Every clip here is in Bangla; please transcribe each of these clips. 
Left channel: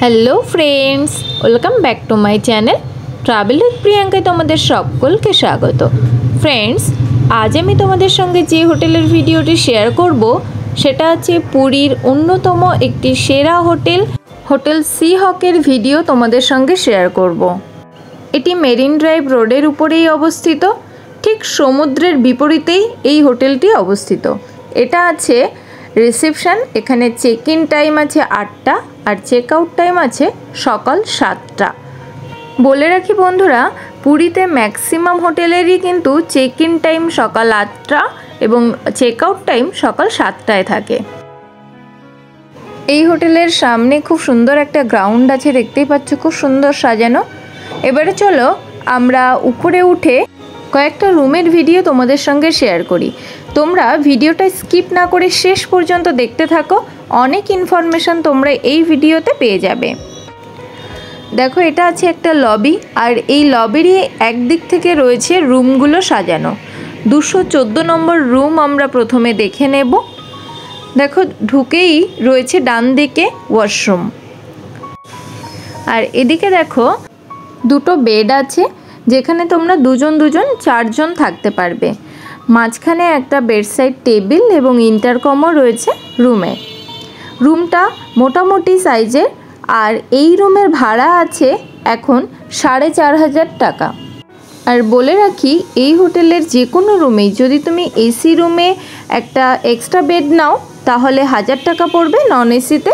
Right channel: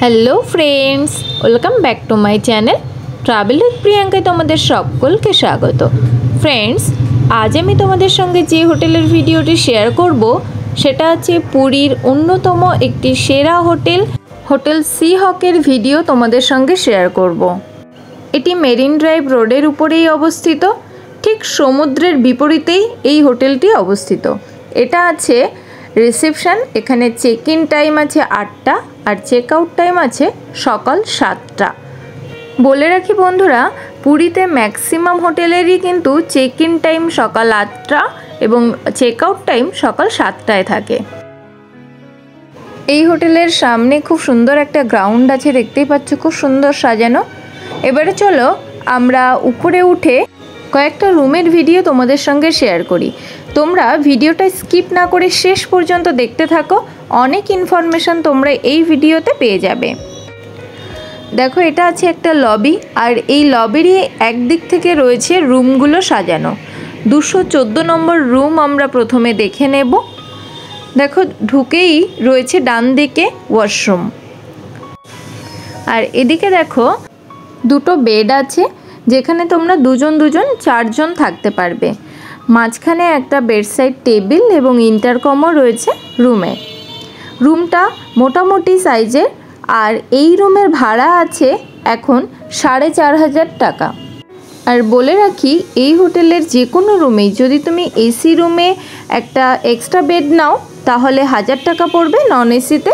Hello friends, welcome back to my channel travel with প্রিয়াঙ্কায় তোমাদের সকলকে স্বাগত। ফ্রেন্ডস, আজ আমি তোমাদের সঙ্গে যে হোটেলের ভিডিওটি শেয়ার করব সেটা হচ্ছে পুরীর অন্যতম একটি সেরা হোটেল সি হকের ভিডিও তোমাদের সঙ্গে শেয়ার করব। এটি মেরিন ড্রাইভ রোডের উপরেই অবস্থিত, ঠিক সমুদ্রের বিপরীতেই এই হোটেলটি অবস্থিত। এটা আছে রিসেপশন, এখানে চেক ইন টাইম আছে 8টা আর চেক আউট টাইম আছে সকাল 7টা। বলে রাখি বন্ধুরা, পুরীতে ম্যাক্সিমাম হোটেলেরই কিন্তু চেক ইন টাইম সকাল 8টা এবং চেক আউট টাইম সকাল 7টায় থাকে। এই হোটেলের সামনে খুব সুন্দর একটা গ্রাউন্ড আছে, দেখতেই পাচ্ছ, খুব সুন্দর সাজানো। এবারে চলো আমরা উপরে উঠে কয়েকটা রুমের ভিডিও তোমাদের সঙ্গে শেয়ার করি। তোমরা ভিডিওটা স্কিপ না করে শেষ পর্যন্ত দেখতে থাকো, অনেক ইনফরমেশন তোমরা এই ভিডিওতে পেয়ে যাবে। দেখো, এটা আছে একটা লবি, আর এই লবিরই একদিক থেকে রয়েছে রুমগুলো সাজানো। 214 নম্বর রুম আমরা প্রথমে দেখে নেব। দেখো, ঢুকেই রয়েছে ডান দিকে ওয়াশরুম, আর এদিকে দেখো দুটো বেড আছে, যেখানে তোমরা দুজন 4জন থাকতে পারবে। মাঝখানে একটা বেডসাইড টেবিল এবং ইন্টারকমও রয়েছে রুমে। রুমটা মোটামুটি সাইজের, আর এই রুমের ভাড়া আছে এখন 4500 টাকা। আর বলে রাখি, এই হোটেলের যে কোনো রুমেই যদি তুমি এসি রুমে একটা এক্সট্রা বেড নাও তাহলে 1000 টাকা পড়বে, নন এসিতে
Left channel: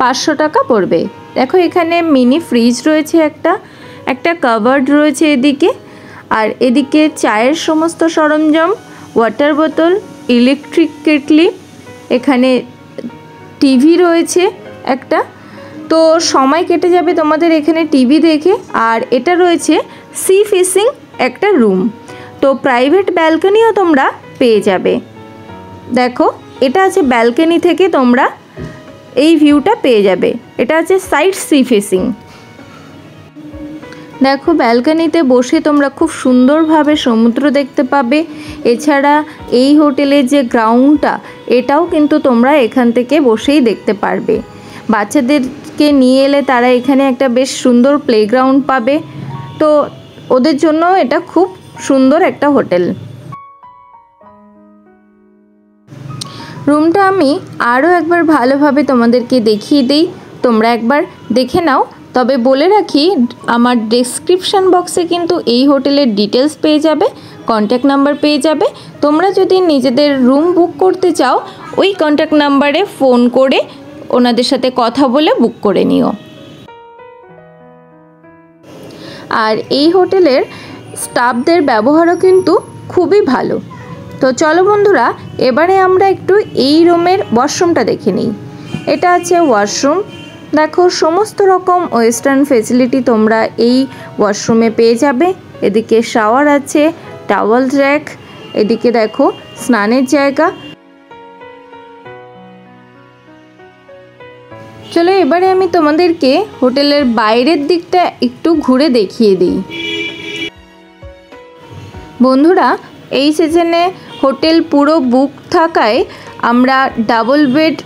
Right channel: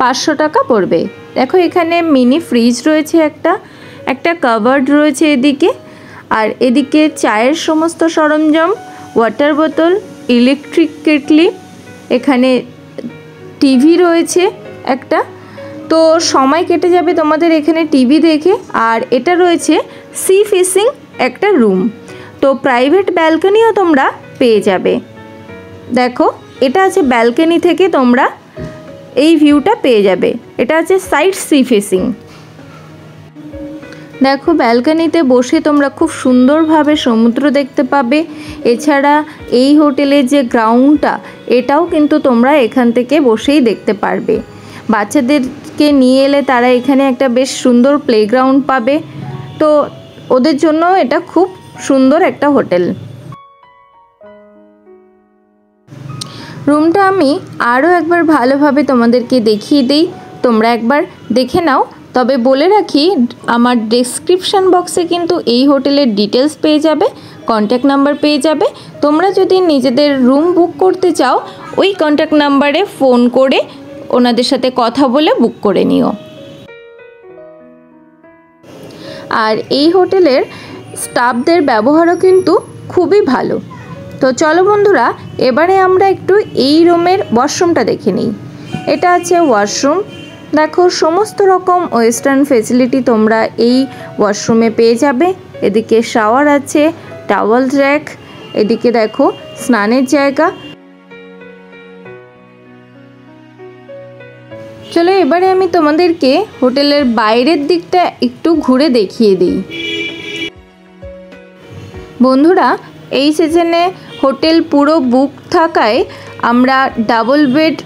500 টাকা পড়বে। দেখো, এখানে মিনি ফ্রিজ রয়েছে, একটা কাভার্ড রয়েছে এদিকে, আর এদিকে চায়ের সমস্ত সরঞ্জাম, ওয়াটার বোতল, ইলেকট্রিক কেটলি, এখানে টিভি রয়েছে একটা। তো সময় কেটে যাবে তোমাদের এখানে টিভি দেখে। আর এটা রয়েছে সি ফেসিং একটা রুম, তো প্রাইভেট ব্যালকনিও তোমরা পেয়ে যাবে। দেখো, এটা আছে ব্যালকনি থেকে তোমরা এই ভিউটা পেয়ে যাবে। এটা আছে সাইড সি ফেসিং। দেখো, ব্যালকনিতে বসে তোমরা খুব সুন্দরভাবে সমুদ্র দেখতে পাবে। এছাড়া এই হোটেলের যে গ্রাউন্ডটা, এটাও কিন্তু তোমরা এখান থেকে বসেই দেখতে পারবে। বাচ্চাদেরকে নিয়ে এলে তারা এখানে একটা বেশ সুন্দর প্লেগ্রাউন্ড পাবে, তো ওদের জন্য এটা খুব সুন্দর একটা হোটেল। রুমটা আমি আরও একবার ভালোভাবে তোমাদেরকে দেখিয়ে দিই, তোমরা একবার দেখে নাও। তবে বলে রাখি, আমার ডেসক্রিপশান বক্সে কিন্তু এই হোটেলের ডিটেলস পেয়ে যাবে, কন্ট্যাক্ট নাম্বার পেয়ে যাবে। তোমরা যদি নিজেদের রুম বুক করতে চাও, ওই কন্ট্যাক্ট নাম্বারে ফোন করে ওনাদের সাথে কথা বলে বুক করে নিও। আর এই হোটেলের স্টাফদের ব্যবহারও কিন্তু খুবই ভালো। তো চলো বন্ধুরা, এবারে আমরা একটু এই রুমের ওয়াশরুমটা দেখে নিই। এটা আছে ওয়াশরুম। দেখো, সমস্ত রকম ওয়েস্টার্ন ফেসিলিটি তোমরা এই ওয়াশরুমে পেয়ে যাবে। এদিকে শাওয়ার আছে, টাওয়াল র্যাক, এদিকে দেখো স্নানের জায়গা। চলো এবারে আমি তোমাদেরকে হোটেলের বাইরের দিকটা একটু ঘুরে দেখিয়ে দিই। বন্ধুরা, এই সিজনে হোটেল পুরো বুক থাকায় আমরা ডাবল বেড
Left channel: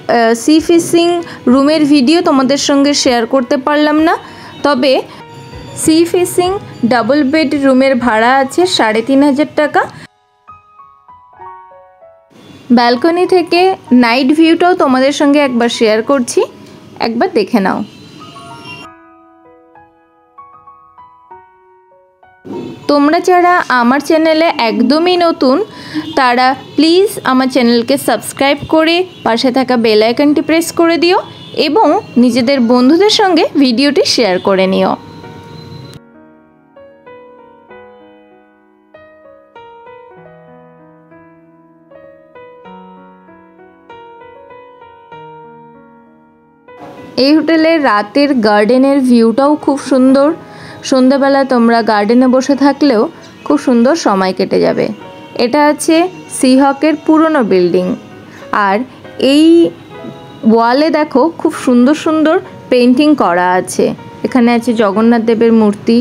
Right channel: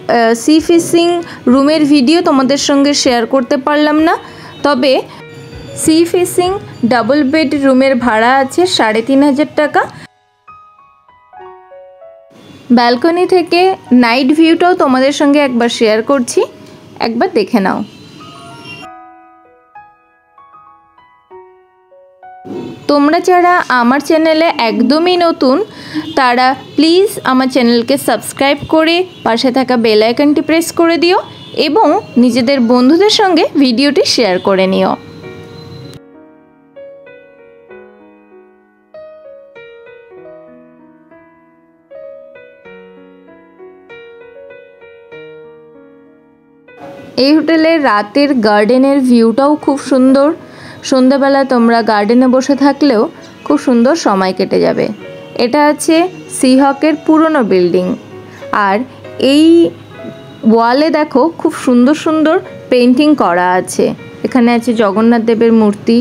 সি ফেসিং রুমের ভিডিও তোমাদের সঙ্গে শেয়ার করতে পারলাম না। তবে সি ফেসিং ডাবল বেড রুমের ভাড়া আছে 3500 টাকা। ব্যালকনি থেকে নাইট ভিউটাও তোমাদের সঙ্গে একবার শেয়ার করছি, একবার দেখে নাও। তোমরা যারা আমার চ্যানেলে একদমই নতুন, তারা প্লিজ আমার চ্যানেলকে সাবস্ক্রাইব করে পাশে থাকা বেল আইকনটি প্রেস করে দিও এবং নিজেদের বন্ধুদের সঙ্গে ভিডিওটি শেয়ার করে নিও। এই হোটেলের রাতের গার্ডেনের ভিউটাও খুব সুন্দর। সন্ধ্যাবেলা তোমরা গার্ডেনে বসে থাকলেও খুব সুন্দর সময় কেটে যাবে। এটা আছে সি হকের পুরনো বিল্ডিং, আর এই ওয়ালে দেখো খুব সুন্দর সুন্দর পেন্টিং করা আছে। এখানে আছে জগন্নাথ দেবের মূর্তি,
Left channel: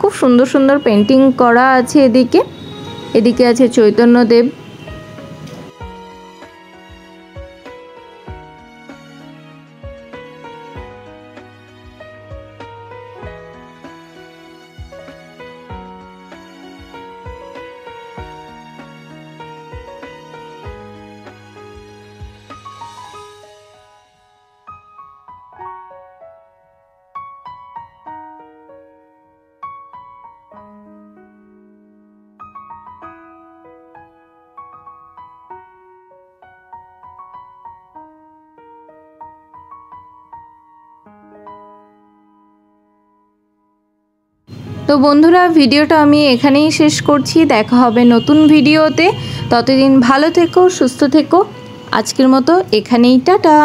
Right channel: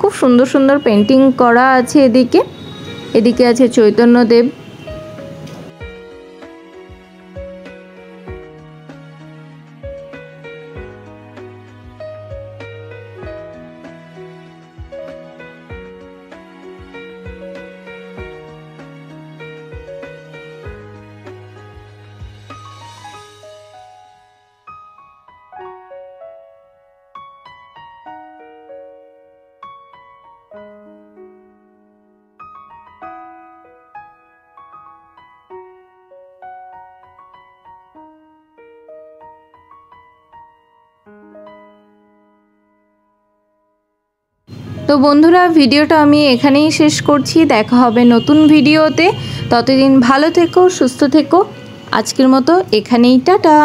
খুব সুন্দর সুন্দর পেন্টিং করা আছে। এদিকে আছে চৈতন্যদেব। তো বন্ধুরা ভিডিওটা আমি এখানেই শেষ করছি। দেখা হবে নতুন ভিডিওতে। ততদিন ভালো থেকো, সুস্থ থেকো। আজকের মতো এখানেই টাটা।